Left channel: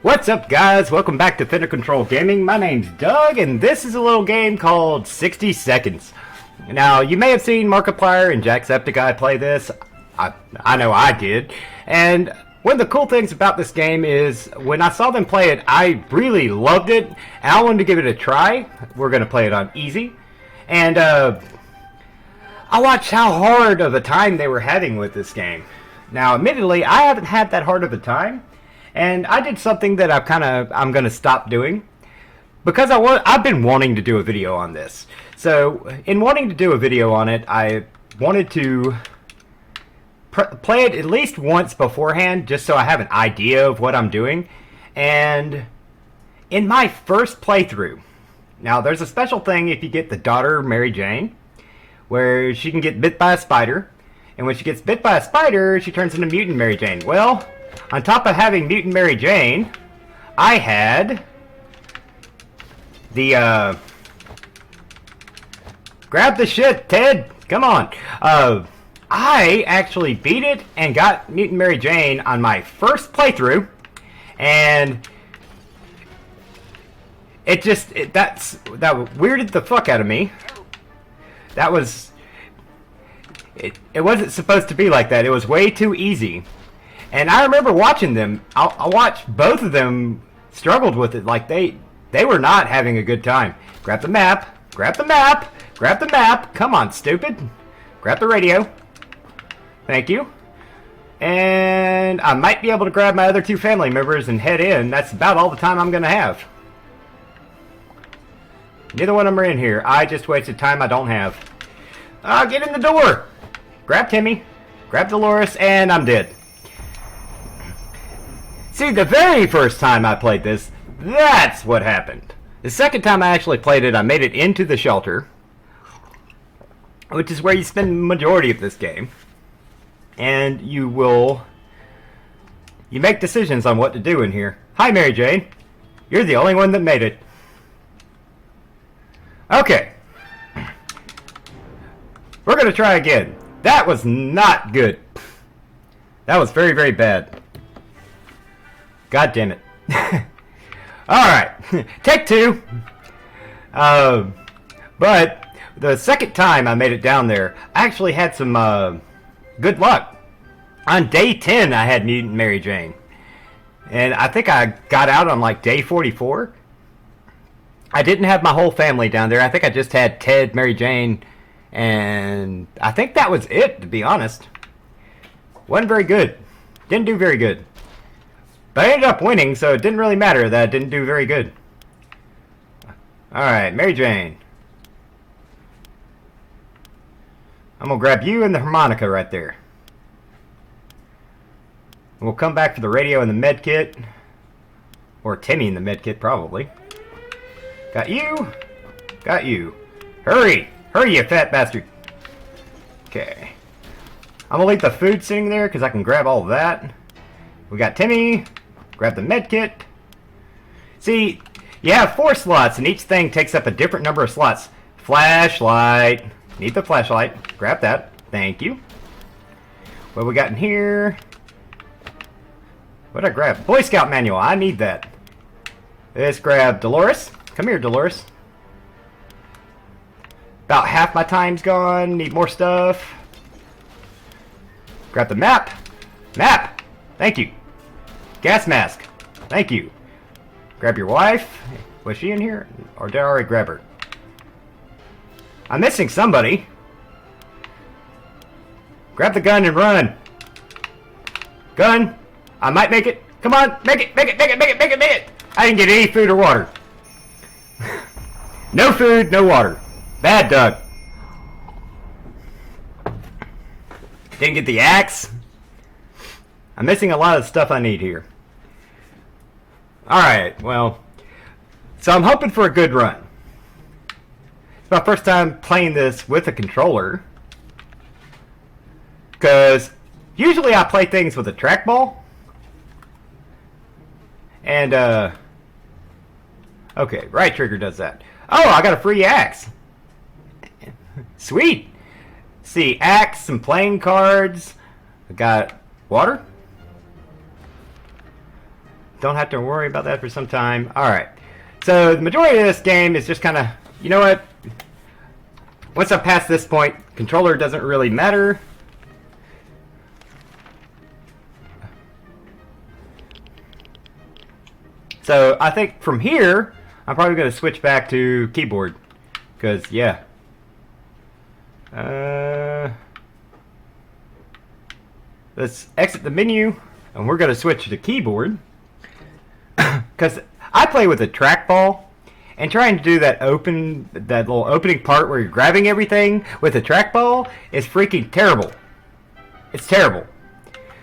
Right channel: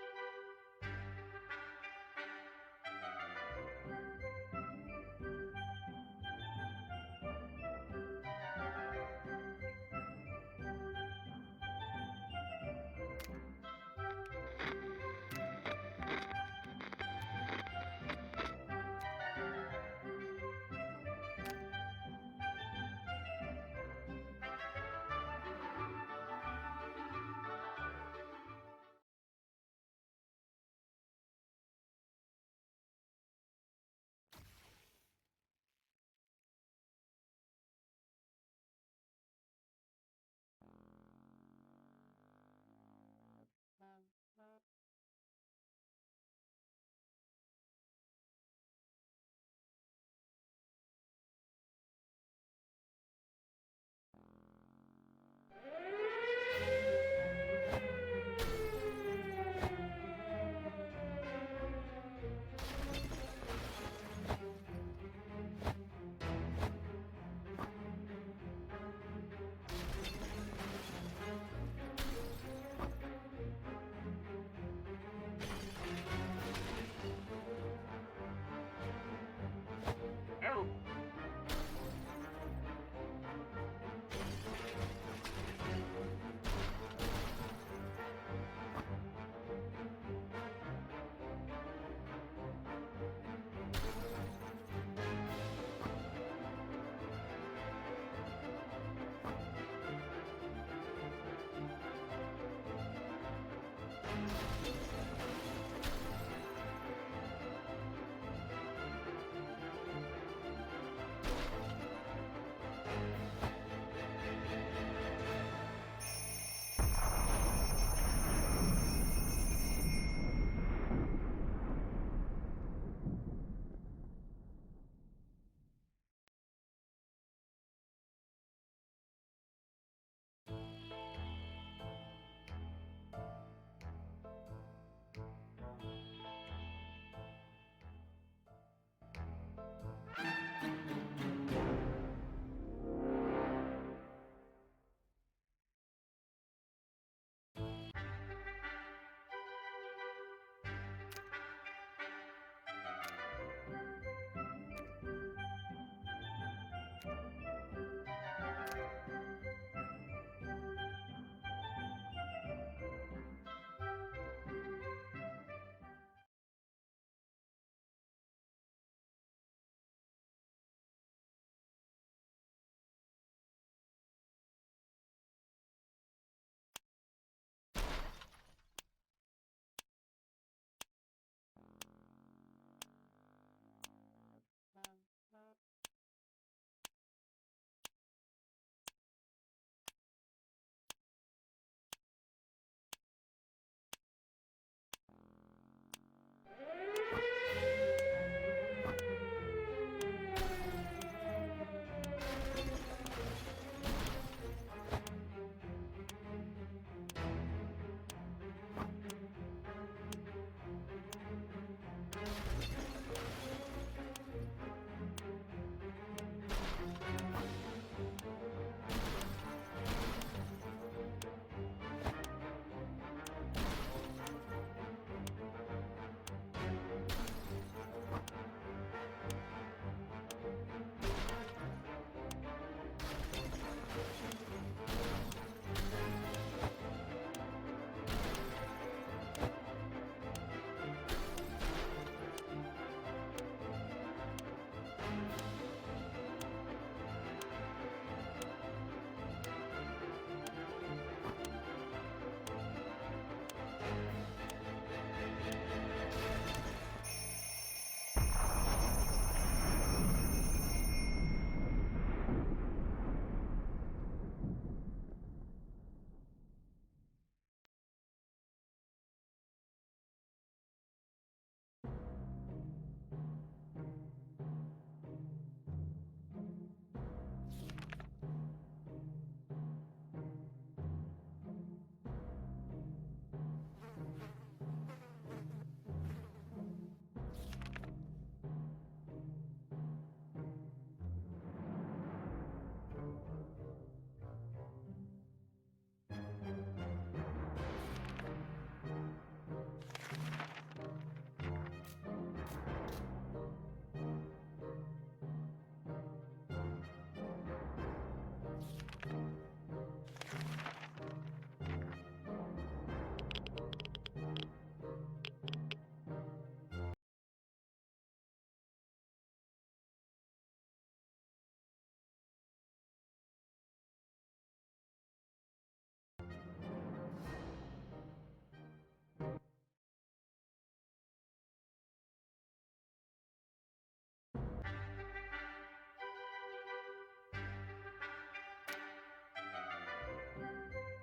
What's up, guys? Welcome back to Fender Control Gaming. My name's Doug, and this is a little game called 60 Seconds. Now, you may have seen Markiplier and Jacksepticeye play this. I know I did. And one of the cool things about this game is when I saw them play it, I really loved it, and I wanted to give it a try. We're going to play it on easy. And I watched how hard of a time they were having with this game. Now, admittedly, I haven't had that hard of a time. And I did something that I'm going to stop doing because I've been wanting to do a video on this. So in wanting to do a video on it, I wanted to play it at least once beforehand just so I have an idea of what I'm doing. And in my first playthrough, now there's a special thing if you get the daughter Mary Jane where she can get bit by a spider. And when she gets bit by a spider, she turns into Mutant Mary Jane. Well, on top of having Mutant Mary Jane, I had the, grab the shit, Ted! Come on! I actually beat it and got Mutant Mary Jane on my first playthrough, and that weirded the fuck out of me. That was... It wasn't supposed to be like that. It was way too easy. And I remember watching them. I watched both of them struggled with it. Like they were not having a good time. Grab the map. Grab the map. Grab the map. Come on, stupid. Grab the radio. Thank you. And I might be able to grab my other two family members and head in. That's about all the time I'm going to have. Neither one of them are in here. I just wasted time I don't have. Get in the door. Grab Timmy. Grab Dolores. And I'm dead. See, the very first time I played this, that's what happened. The second time I actually played it, I made it into the shelter, which is where you spend the majority of this game. And you make decisions on what to do in here. Hi, Mary Jane. You're the only one that made it. Okay. We're going to try again. That was not good. That was very, very bad. God damn it. Alright. Take two. But the second time I made it down there, I actually had some good luck. On day 10, I had Mutant Mary Jane. And I think I got out on like day 44. I didn't have my whole family down there. I think I just had Ted, Mary Jane, and I think that was it, to be honest. Wasn't very good. Didn't do very good. But I ended up winning, so it didn't really matter that I didn't do very good. Alright, Mary Jane. I'm gonna grab you and the harmonica right there. We'll come back for the radio and the med kit. Or Timmy and the med kit, probably. Got you. Got you. Hurry! Hurry, you fat bastard! Okay. I'm gonna leave the food sitting there because I can grab all of that. We got Timmy. Grab the med kit. See, you have 4 slots and each thing takes up a different number of slots. Flashlight. Need the flashlight. Grab that. Thank you. What we got in here? What did I grab? Boy Scout manual. I need that. Let's grab Dolores. Come here, Dolores. About half my time's gone. Need more stuff. Grab the map. Map! Thank you. Gas mask. Thank you. Grab your wife. Was she in here? Or did I already grab her? I'm missing somebody. Grab the gun and run. Gun. I might make it. Come on. Make it. Make it. Make it. Make it. Make it. Make it. I didn't get any food or water. No food, no water. Bad Doug. Didn't get the axe. I'm missing a lot of stuff I need here. Alright, well. So I'm hoping for a good run. It's my first time playing this with a controller. Because usually I play things with a trackball. And, okay, right trigger does that. Oh, I got a free axe. Sweet. See, axe, some playing cards. I got water. don't have to worry about that for some time. Alright. So the majority of this game is just kind of, you know what? Once I'm past this point, controller doesn't really matter. So I think from here, I'm probably going to switch back to keyboard. Because, yeah. Let's exit the menu, and we're going to switch to keyboard. Because I play with a trackball, and trying to do that little opening part where you're grabbing everything with a trackball is freaking terrible. It's terrible.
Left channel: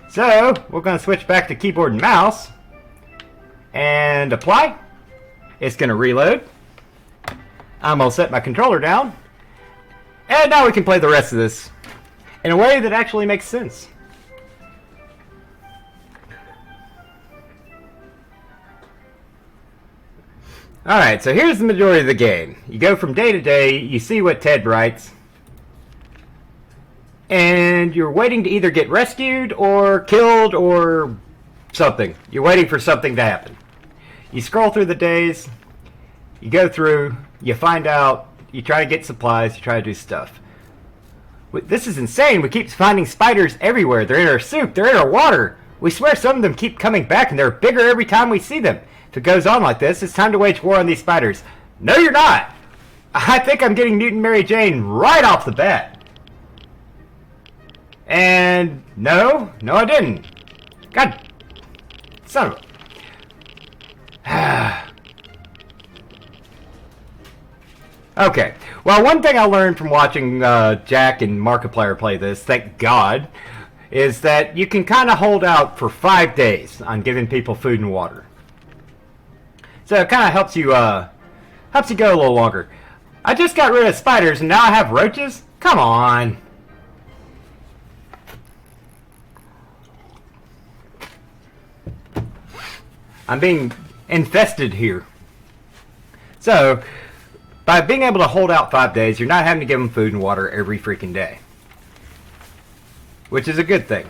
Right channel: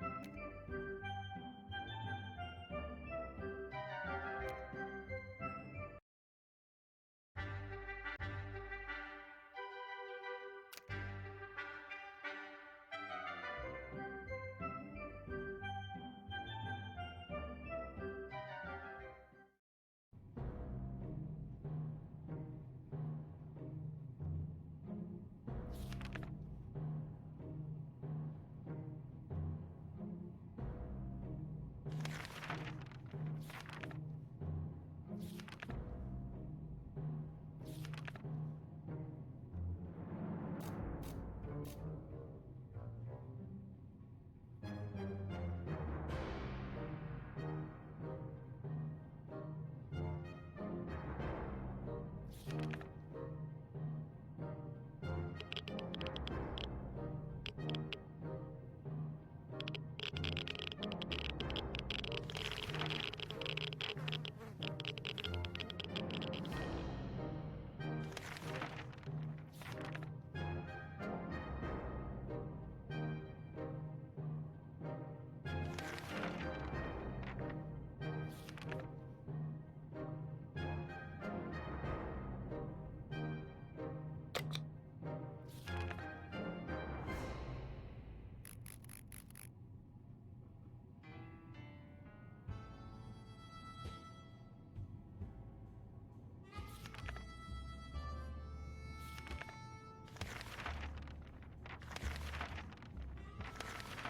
So, we're going to switch back to keyboard and mouse, and apply. It's going to reload. I'm going to set my controller down, and now we can play the rest of this in a way that actually makes sense. Alright, so here's the majority of the game. You go from day to day, you see what Ted writes, and you're waiting to either get rescued or killed or something. You're waiting for something to happen. You scroll through the days, you go through, you find out, you try to get supplies, you try to do stuff. This is insane. We keep finding spiders everywhere. They're in our soup, they're in our water. We swear some of them keep coming back and they're bigger every time we see them. If it goes on like this, it's time to wage war on these spiders. No, you're not! I think I'm getting Mutant Mary Jane right off the bat. And no, I didn't. God, son of a... Okay, well, one thing I learned from watching Jack and Markiplier play this, thank God, is that you can kind of hold out for 5 days on giving people food and water. So it kind of helps you go a little longer. I just got rid of spiders and now I have roaches? Come on. I'm being infested here. So, by being able to hold out 5 days, you're not having to give them food and water every freaking day. Which is a good thing.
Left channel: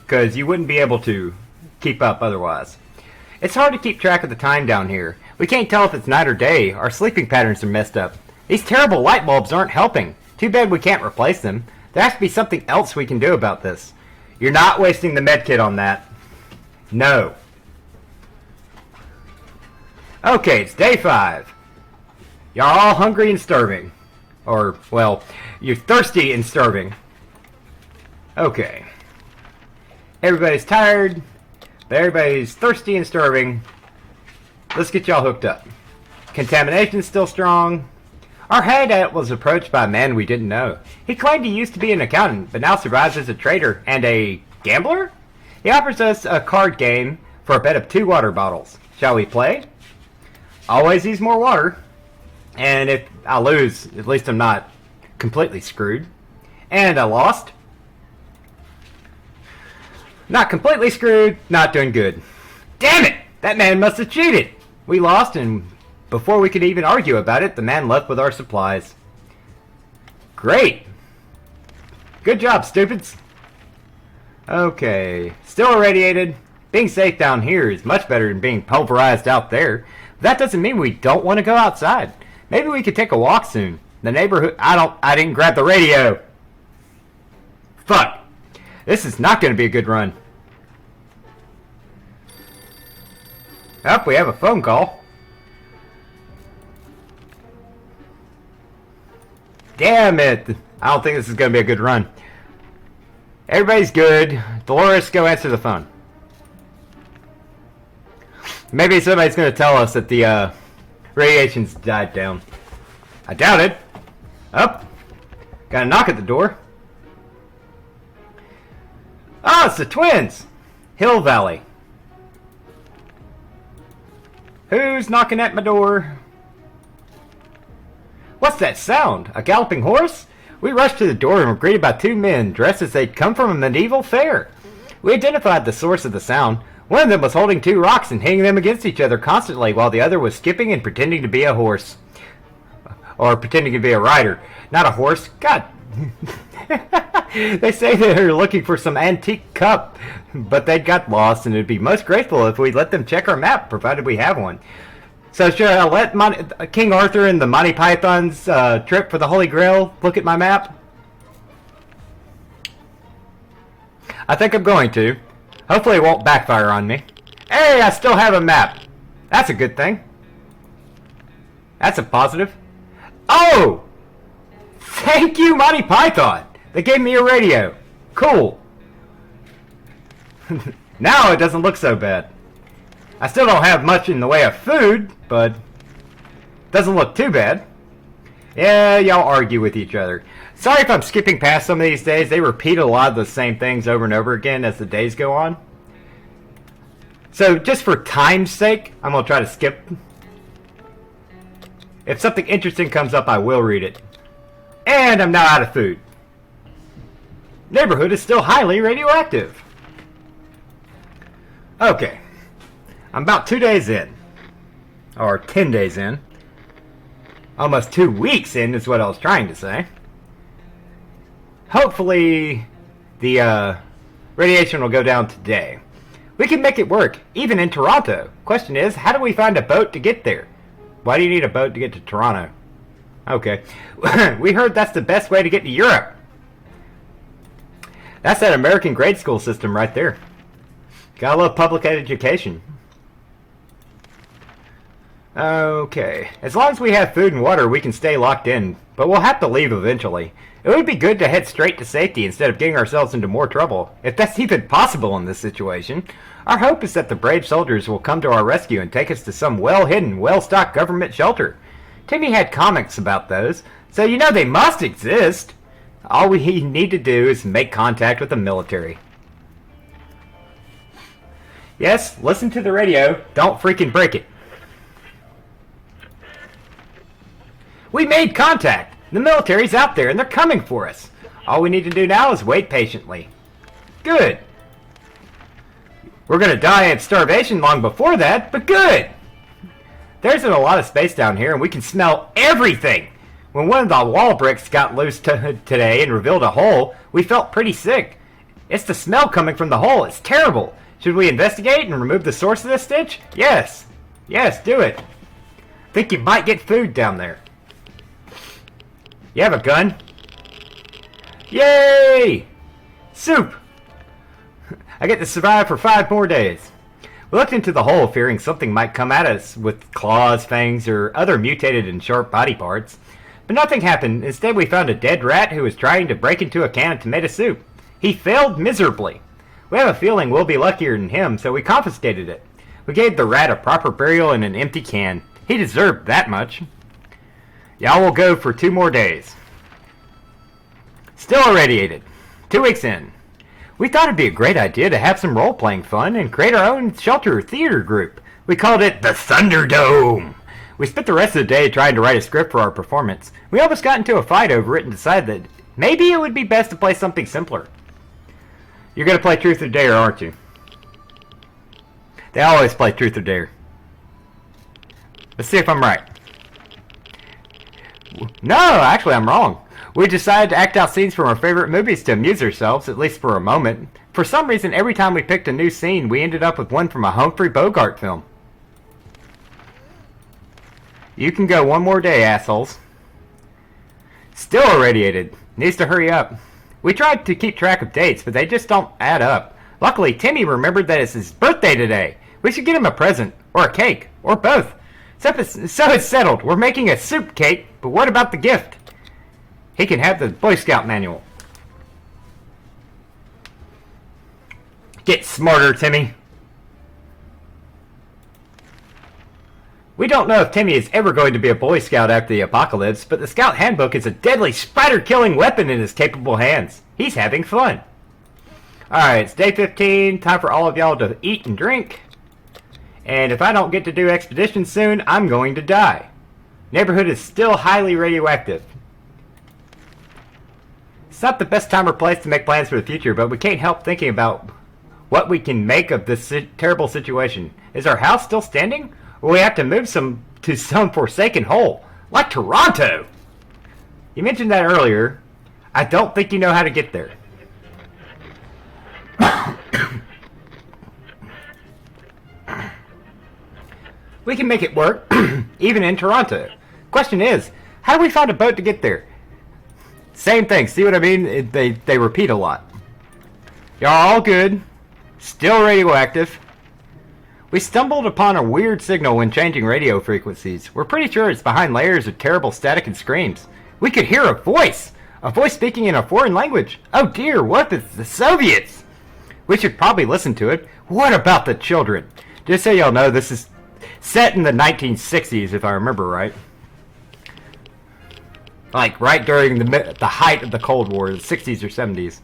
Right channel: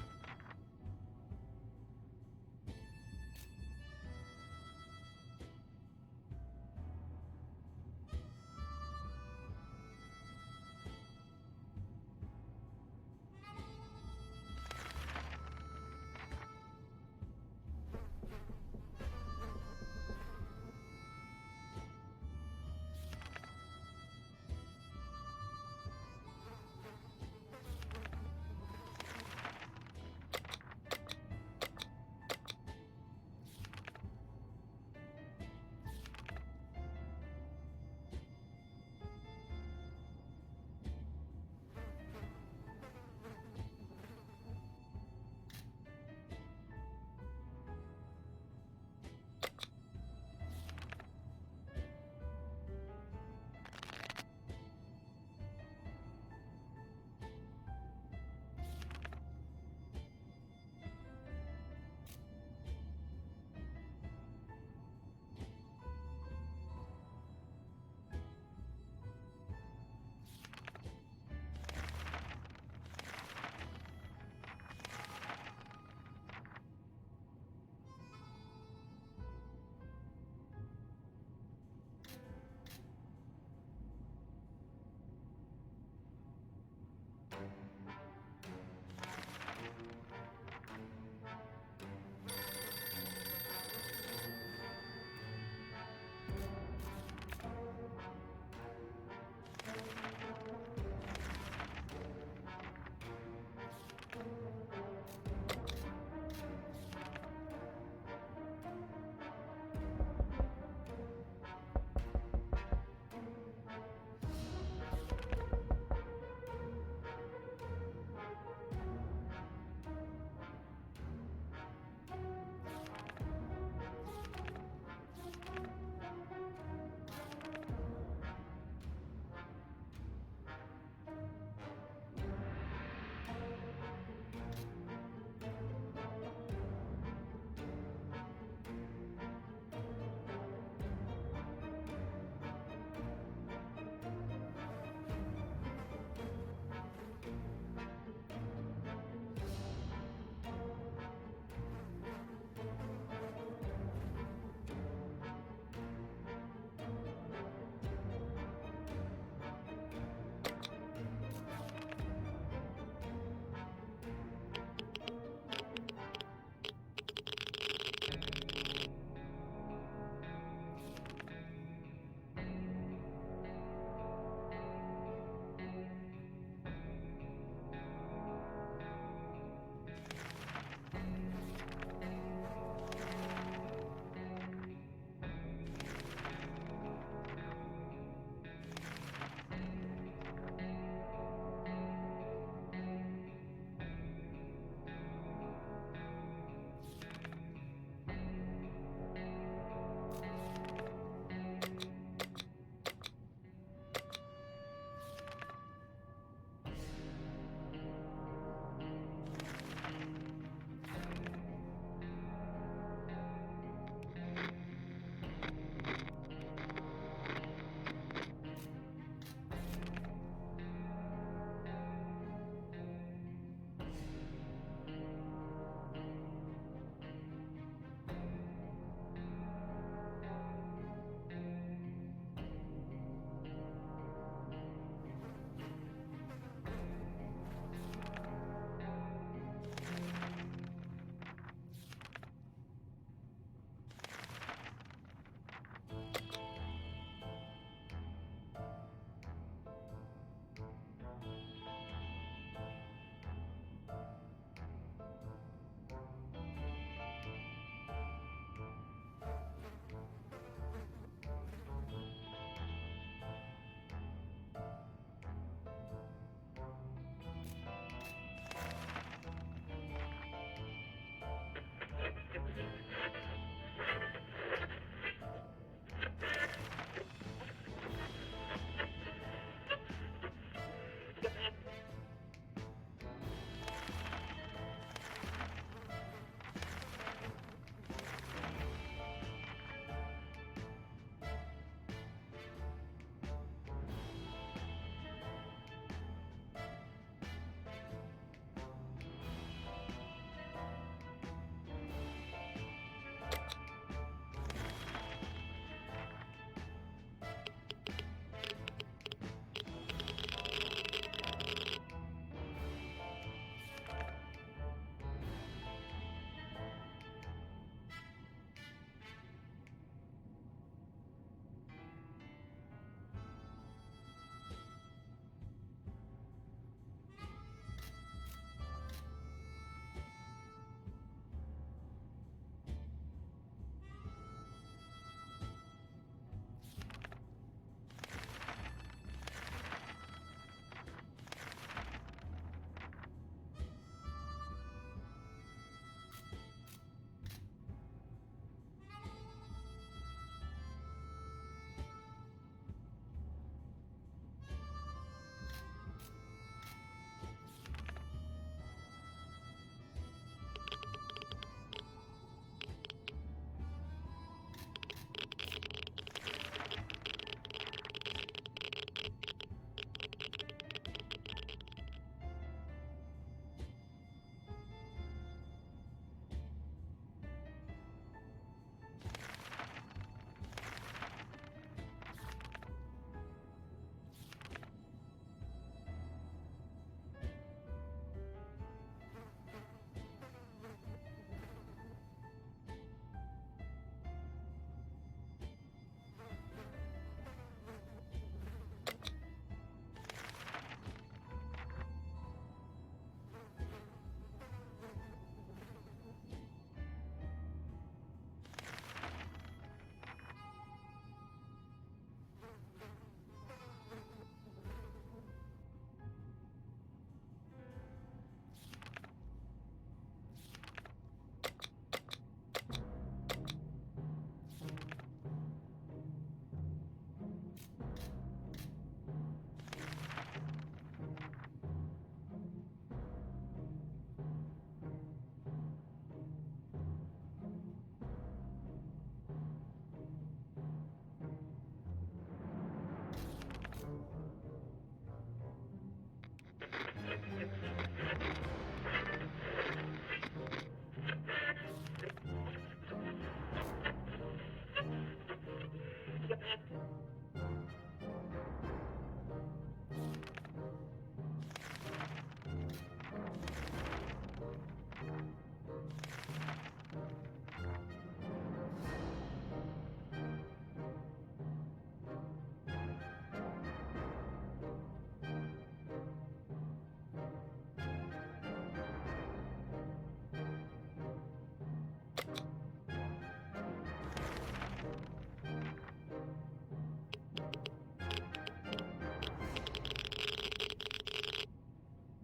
Because you wouldn't be able to keep up otherwise. It's hard to keep track of the time down here. We can't tell if it's night or day. Our sleeping patterns are messed up. These terrible light bulbs aren't helping. Too bad we can't replace them. There has to be something else we can do about this. You're not wasting the medkit on that. No. Okay, it's day 5. Y'all all hungry and starving. Or, well, you're thirsty and starving. Okay. Everybody's tired. Everybody's thirsty and starving. Let's get y'all hooked up. Contamination's still strong. Our hideout was approached by a man we didn't know. He claimed he used to be an accountant, but now survives as a trader and a gambler? He offers us a card game for a bet of 2 water bottles. Shall we play? Always use more water. And if I lose, at least I'm not completely screwed. And I lost. Not completely screwed, not doing good. Damn it! That man must have cheated! We lost, and before we could even argue about it, the man left with our supplies. Great! Good job, stupids! Okay, still irradiated. Being safe down here is much better than being pulverized out there. That doesn't mean we don't want to go outside. Maybe we could take a walk soon. The neighborhood... I didn't grab the radio! Fuck! This is not going to be a good run. Oh, we have a phone call. Damn it! I don't think this is going to be a good run. Everybody's good. Dolores, go answer the phone. Maybe somebody's going to tell us that the radiation's died down. I doubt it. Up. Got a knock at the door. Oh, it's the twins! Hill Valley. Who's knocking at my door? What's that sound? A galloping horse? We rushed to the door and were greeted by 2 men dressed as they'd come from a medieval fair. We identified the source of the sound. One of them was holding 2 rocks and hitting them against each other constantly, while the other was skipping and pretending to be a horse. Or pretending to be a rider. Not a horse. God. They say they're looking for some antique cup, but they got lost, and it'd be most grateful if we let them check our map, provided we have one. So should I let King Arthur and the Monty Python's trip for the Holy Grail look at my map? I think I'm going to. Hopefully it won't backfire on me. Hey, I still have a map. That's a good thing. That's a positive. Oh! Thank you, Monty Python! They gave me a radio. Cool. Now it doesn't look so bad. I still don't have much in the way of food, but doesn't look too bad. Yeah, y'all argue with each other. Sorry if I'm skipping past some of these days. They repeat a lot of the same things over and over again as the days go on. So just for time's sake, I'm going to try to skip. If something interesting comes up, I will read it. And I'm now out of food. Neighborhood is still highly radioactive. Okay. I'm about 2 days in. Or 10 days in. Almost 2 weeks in is what I was trying to say. Hopefully, the radiation will go down today. We can make it work, even in Toronto. Question is, how do we find a boat to get there? Why do you need a boat to get to Toronto? Okay. We heard that's the best way to get to Europe. That's that American grade school system right there. Gotta love public education. Okay. As long as we have food and water, we can stay locked in. But we'll have to leave eventually. It would be good to head straight to safety instead of getting ourselves into more trouble, if that's even possible in this situation. Our hope is that the brave soldiers will come to our rescue and take us to some well-hidden, well-stocked government shelter. Timmy had comics about those, so you know they must exist. All we need to do is make contact with the military. Yes, listen to the radio. Don't freaking break it. We made contact! The military's out there and they're coming for us. All we need to do now is wait patiently. Good. We're gonna die of starvation long before that, but good! There isn't a lot of space down here and we can smell everything! When one of the wall bricks got loose today and revealed a hole, we felt pretty sick. It's the smell coming from the hole. It's terrible. Should we investigate and remove the source of this stench? Yes. Yes, do it. Think you might get food down there. You have a gun? Yay! Soup! I get to survive for 5 more days. We looked into the hole fearing something might come at us with claws, fangs, or other mutated and sharp body parts. But nothing happened. Instead, we found a dead rat who was trying to break into a can of tomato soup. He failed miserably. We have a feeling we'll be luckier than him, so we confiscated it. We gave the rat a proper burial in an empty can. He deserved that much. Y'all will go for 2 more days. Still irradiated. 2 weeks in. We thought it'd be a great idea to have some role-playing fun and create our own shelter theater group. We called it the Thunderdome. We spent the rest of the day trying to write a script for our performance. We almost got into a fight over it and decided that maybe it would be best to play something simpler. You're going to play Truth or Dare, aren't you? They always play Truth or Dare. Let's see if I'm right. No, actually I'm wrong. We decided to act out scenes from our favorite movies to amuse ourselves, at least for a moment. For some reason, every time we picked a new scene, we ended up with one from a Humphrey Bogart film. You can go 1 more day, assholes. Still irradiated. Needs to hurry up. We tried to keep track of dates, but they just don't add up. Luckily, Timmy remembered that it's his birthday today. We should get him a present, or a cake, or both. So it's settled. We're making a soup cake, but what about the gift? He can have the Boy Scout manual. Get smarter, Timmy. We don't know if Timmy is ever going to be a Boy Scout after the apocalypse, but the Scout Handbook is a deadly spider-killing weapon in his capable hands. He's having fun. Alright, it's day 15. Time for all of y'all to eat and drink. And if I don't get to do expeditions soon, I'm going to die. Neighborhood is still highly radioactive. It's not the best time or place to make plans for the future, but we can't help thinking about what we can make of this terrible situation. Is our house still standing? Or we have to move to some forsaken hole, like Toronto? You mentioned that earlier. I don't think you know how to get there. We can make it work, even in Toronto. Question is, how do we find a boat to get there? Same thing, see what I mean? They repeat a lot. Y'all all good. Still radioactive. We stumbled upon a weird signal when changing radio frequencies. We're pretty sure it's behind layers of terrible static and screams. We could hear a voice! A voice speaking in a foreign language. Oh dear, what if it's the Soviets? We should probably listen to it. What about the children? Just so y'all know, this is set in the 1960s, if I remember right. Like, right during the height of the Cold War, the 60s or 70s.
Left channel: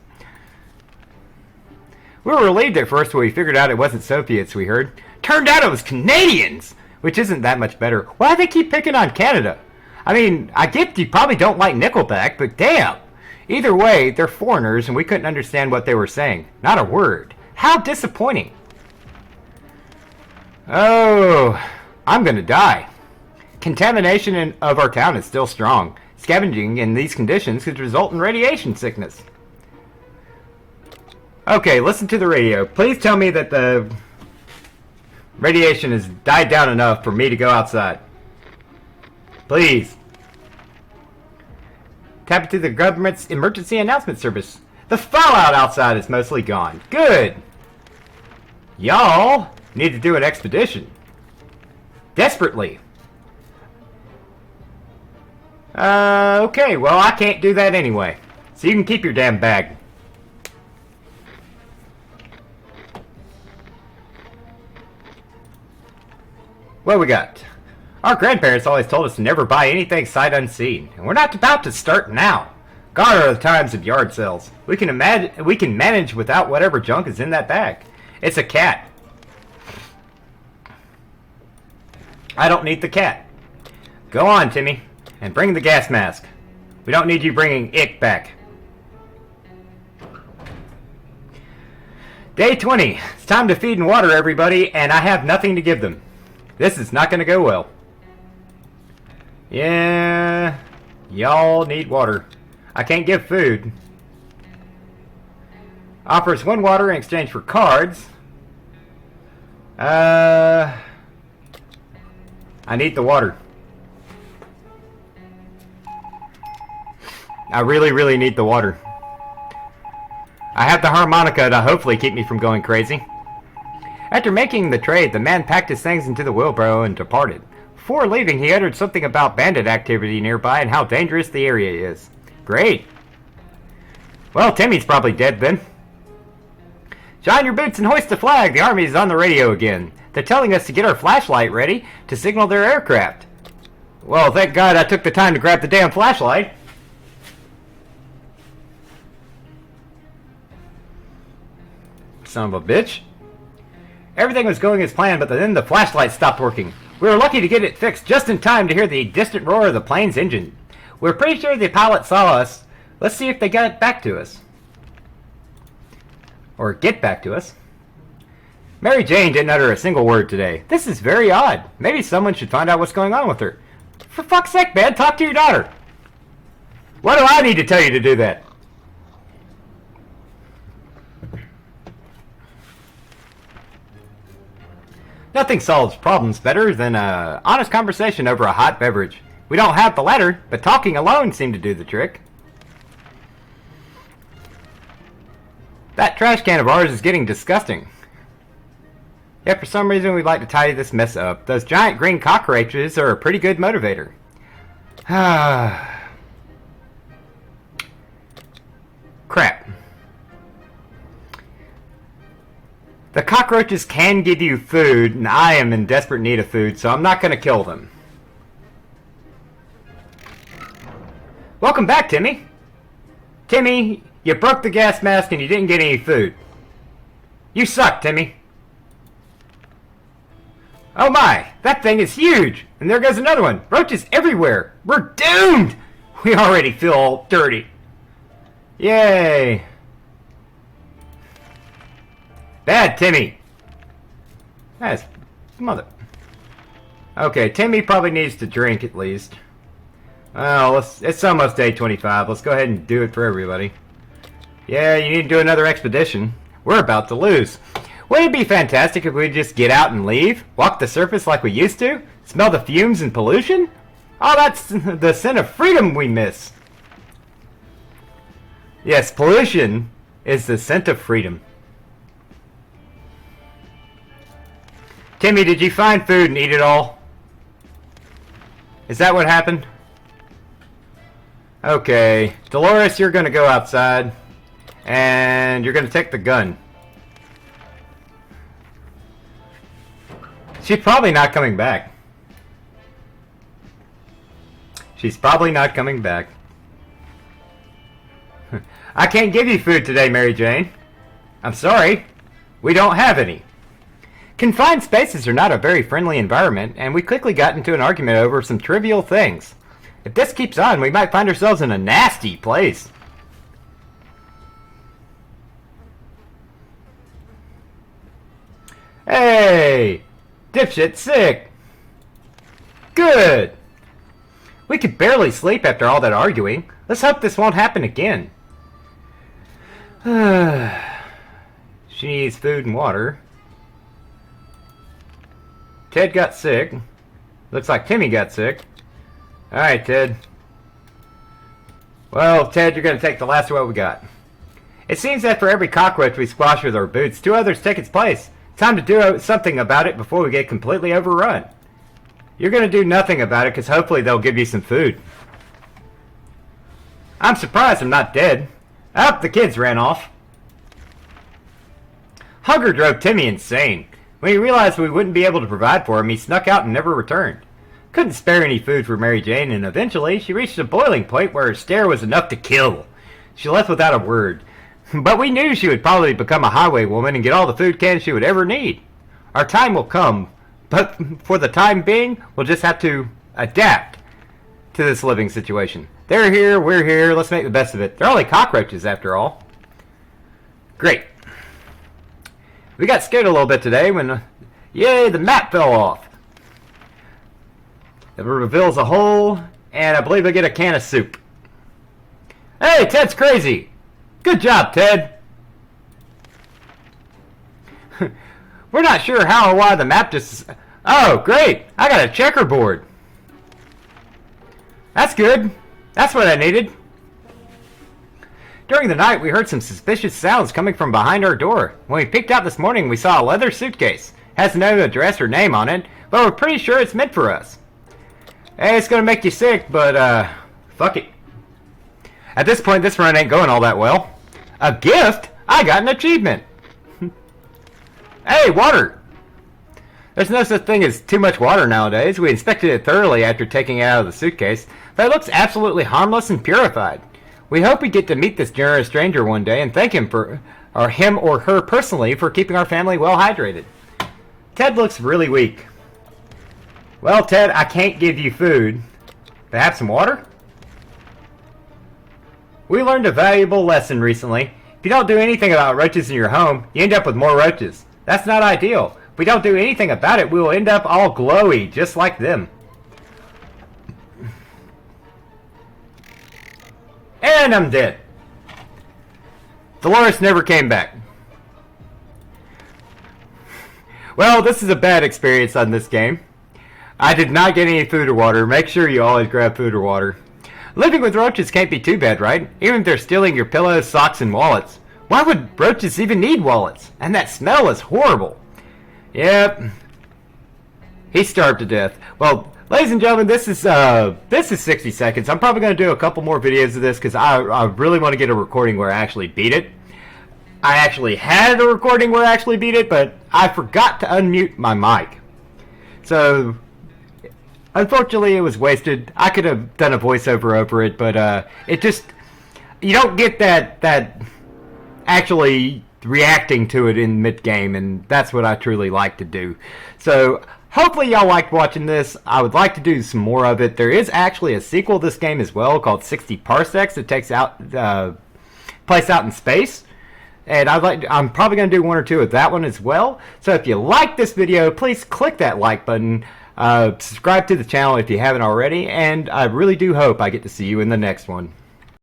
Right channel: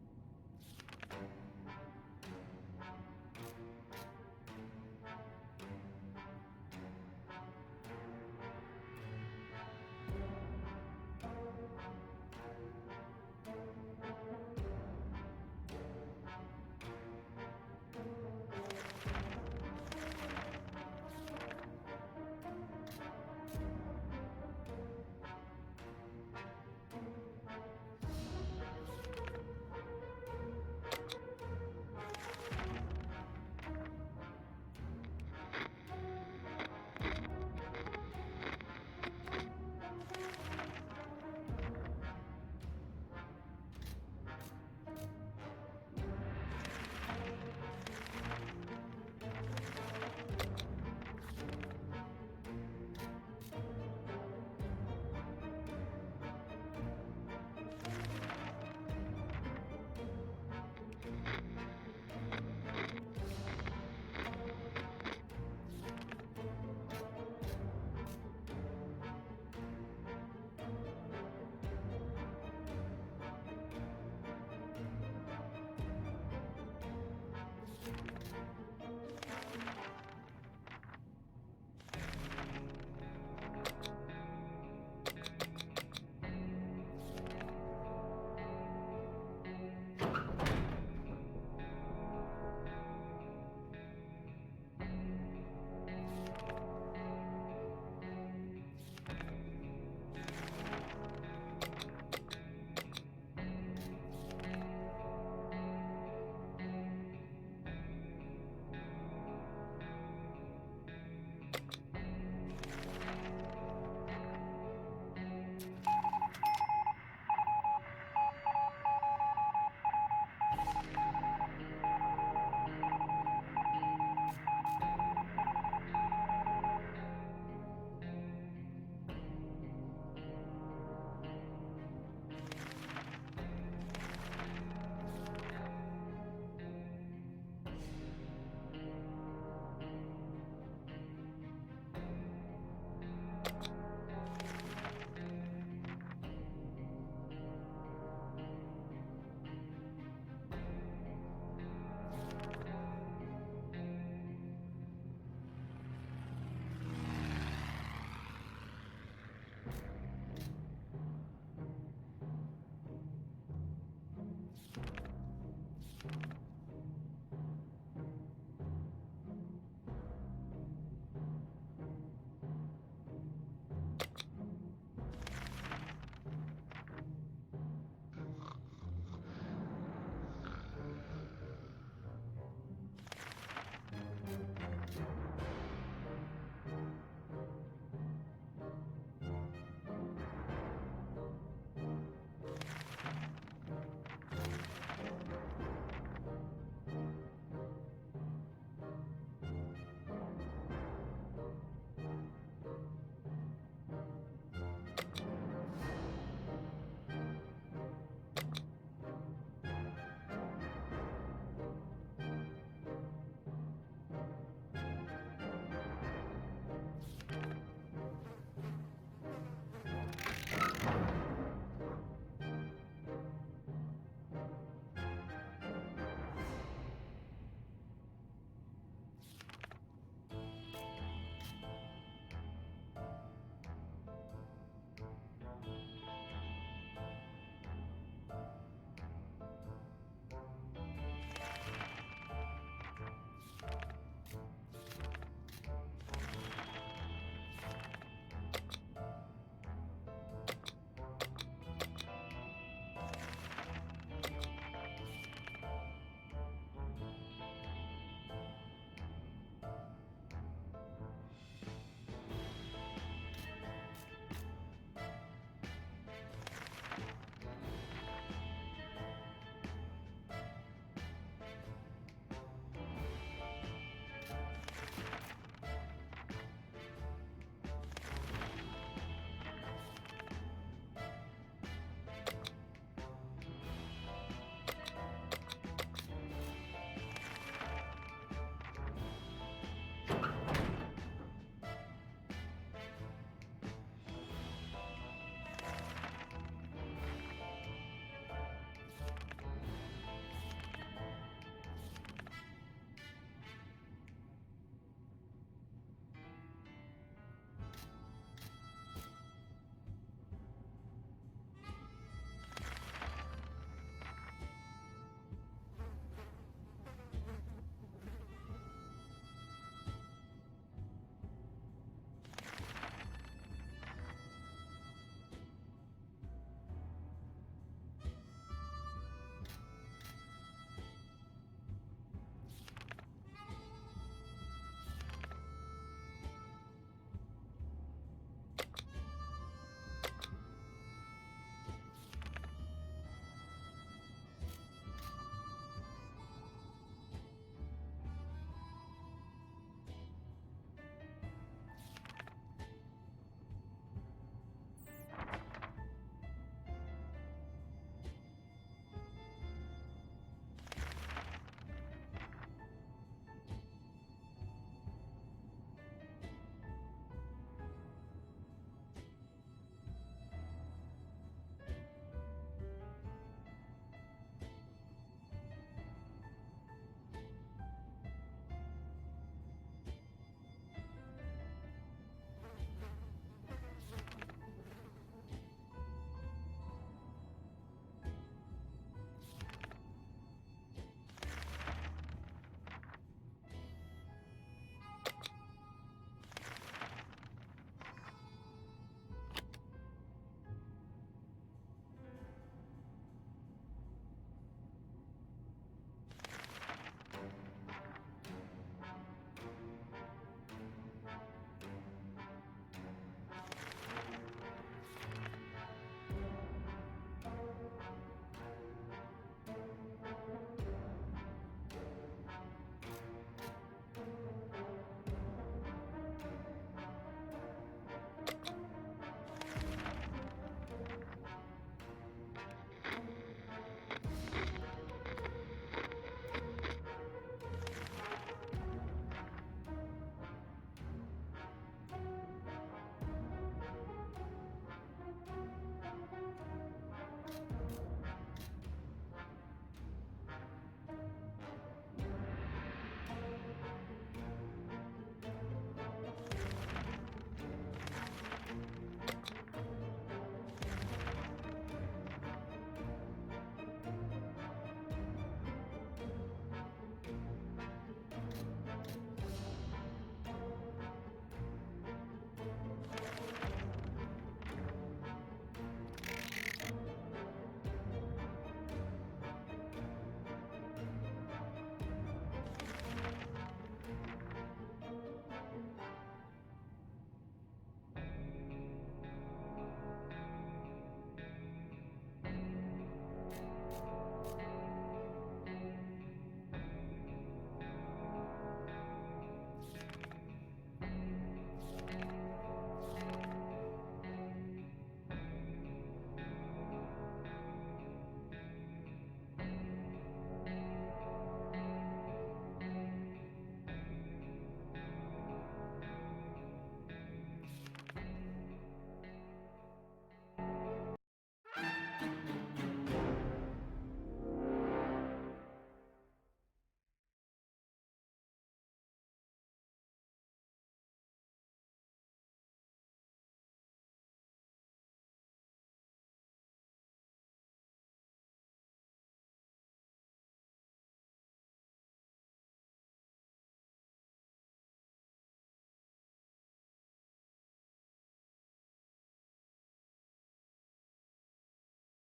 We were relieved at first when we figured out it wasn't Soviets we heard. Turned out it was Canadians! Which isn't that much better. Why do they keep picking on Canada? I mean, I get you probably don't like Nickelback, but damn! Either way, they're foreigners and we couldn't understand what they were saying. Not a word. How disappointing. Oh, I'm gonna die. Contamination of our town is still strong. Scavenging in these conditions could result in radiation sickness. Okay, listen to the radio. Please tell me that the radiation has died down enough for me to go outside. Please. Tap into the government's emergency announcement service. The fallout outside is mostly gone. Good. Y'all need to do an expedition. Desperately. Okay, well, I can't do that anyway. So you can keep your damn bag. What we got? Our grandparents always told us to never buy anything sight unseen, and we're not about to start now. God are the times of yard sales. We can manage without whatever junk is in that bag. It's a cat. I don't need the cat. Go on, Timmy, and bring the gas mask. We don't need you bringing it back. Day 20. It's time to feed and water everybody, and I have nothing to give them. This is not going to go well. Yeah, y'all need water. I can't give food. Offers 1 water in exchange for cards. I need the water. I really, really need the water. I have the harmonica to hopefully keep me from going crazy. After making the trade, the man packed his things into the wheelbarrow and departed. Before leaving, he uttered something about bandit activity nearby and how dangerous the area is. Great. Well, Timmy's probably dead then. Shine your boots and hoist the flag. The army is on the radio again. They're telling us to get our flashlight ready to signal their aircraft. Well, thank God I took the time to grab the damn flashlight. Son of a bitch. Everything was going as planned, but then the flashlight stopped working. We were lucky to get it fixed just in time to hear the distant roar of the plane's engine. We're pretty sure the pilot saw us. Let's see if they got back to us. Or get back to us. Mary Jane didn't utter a single word today. This is very odd. Maybe someone should find out what's going on with her. For fuck's sake, man, talk to your daughter. What do I need to tell you to do that? Nothing solves problems better than an honest conversation over a hot beverage. We don't have the latter, but talking alone seemed to do the trick. That trash can of ours is getting disgusting. Yet for some reason we'd like to tidy this mess up. Those giant green cockroaches are a pretty good motivator. Crap. The cockroaches can give you food, and I am in desperate need of food, so I'm not going to kill them. Welcome back, Timmy. Timmy, you broke the gas mask and you didn't get any food. You suck, Timmy. Oh my, that thing is huge! And there goes another one. Roaches everywhere. We're doomed! We already feel all dirty. Yay. Bad Timmy. That's mother. Okay, Timmy probably needs to drink at least. Well, it's almost day 25. Let's go ahead and do it for everybody. Yeah, you need to do another expedition. We're about to lose. Wouldn't it be fantastic if we just get out and leave? Walk the surface like we used to? Smell the fumes and pollution? Oh, that's the scent of freedom we miss. Yes, pollution is the scent of freedom. Timmy, did you find food and eat it all? Is that what happened? Okay, Dolores, you're gonna go outside. And you're gonna take the gun. She's probably not coming back. She's probably not coming back. I can't give you food today, Mary Jane. I'm sorry. We don't have any. Confined spaces are not a very friendly environment, and we quickly got into an argument over some trivial things. If this keeps on, we might find ourselves in a nasty place. Hey! Dipshit sick! Good! We could barely sleep after all that arguing. Let's hope this won't happen again. She needs food and water. Ted got sick. Looks like Timmy got sick. Alright, Ted. Well, Ted, you're gonna take the last of what we got. It seems that for every cockroach we squash with our boots, 2 others take its place. Time to do something about it before we get completely overrun. You're gonna do nothing about it because hopefully they'll give you some food. I'm surprised I'm not dead. Oh, the kids ran off. Hunger drove Timmy insane. When he realized we wouldn't be able to provide for him, he snuck out and never returned. Couldn't spare any food for Mary Jane, and eventually she reached a boiling point where her stare was enough to kill. She left without a word. But we knew she would probably become a highway woman and get all the food cans she would ever need. Our time will come, but for the time being, we'll just have to adapt to this living situation. They're here, we're here, let's make the best of it. They're only cockroaches after all. Great. We got scared a little bit today when, yay, the map fell off. It reveals a hole, and I believe I get a can of soup. Hey, Ted's crazy! Good job, Ted! We're not sure how or why the map just... Oh, great! I got a checkerboard! That's good! That's what I needed! During the night, we heard some suspicious sounds coming from behind our door. When we peeked out this morning, we saw a leather suitcase. Has no address or name on it, but we're pretty sure it's meant for us. Hey, it's gonna make you sick, but, fuck it. At this point, this run ain't going all that well. A gift? I got an achievement! Hey, water! There's no such thing as too much water nowadays. We inspected it thoroughly after taking it out of the suitcase, but it looks absolutely harmless and purified. We hope we get to meet this generous stranger one day and thank him or her personally for keeping our family well hydrated. Ted looks really weak. Well, Ted, I can't give you food. But have some water? We learned a valuable lesson recently. If you don't do anything about roaches in your home, you end up with more roaches. That's not ideal. If we don't do anything about it, we will end up all glowy, just like them. And I'm dead. Dolores never came back. Well, this is a bad experience on this game. I did not get any food or water. Make sure you always grab food or water. Living with roaches can't be too bad, right? Even if they're stealing your pillows, socks, and wallets. Why would roaches even need wallets? And that smell is horrible. Yep. He starved to death. Well, ladies and gentlemen, this is 60 seconds. I'm probably going to do a couple more videos of this because I really want to get a recording where I actually beat it. I actually had a recording where I actually beat it, but I forgot to unmute my mic. So, unfortunately, it was wasted. I could have done a voiceover over it, but it just... You don't get that actually reacting to it in mid-game, and that's what I truly like to do. So, hopefully y'all liked watching this. I would like to do some more of it. There is actually a sequel to this game as well called 60 Parsecs. It takes place out in space. And I'm probably going to do 1 or 2 of that one as well. So if you like this video, please click that like button. Subscribe to the channel if you haven't already, and I really do hope I get to see you in the next one.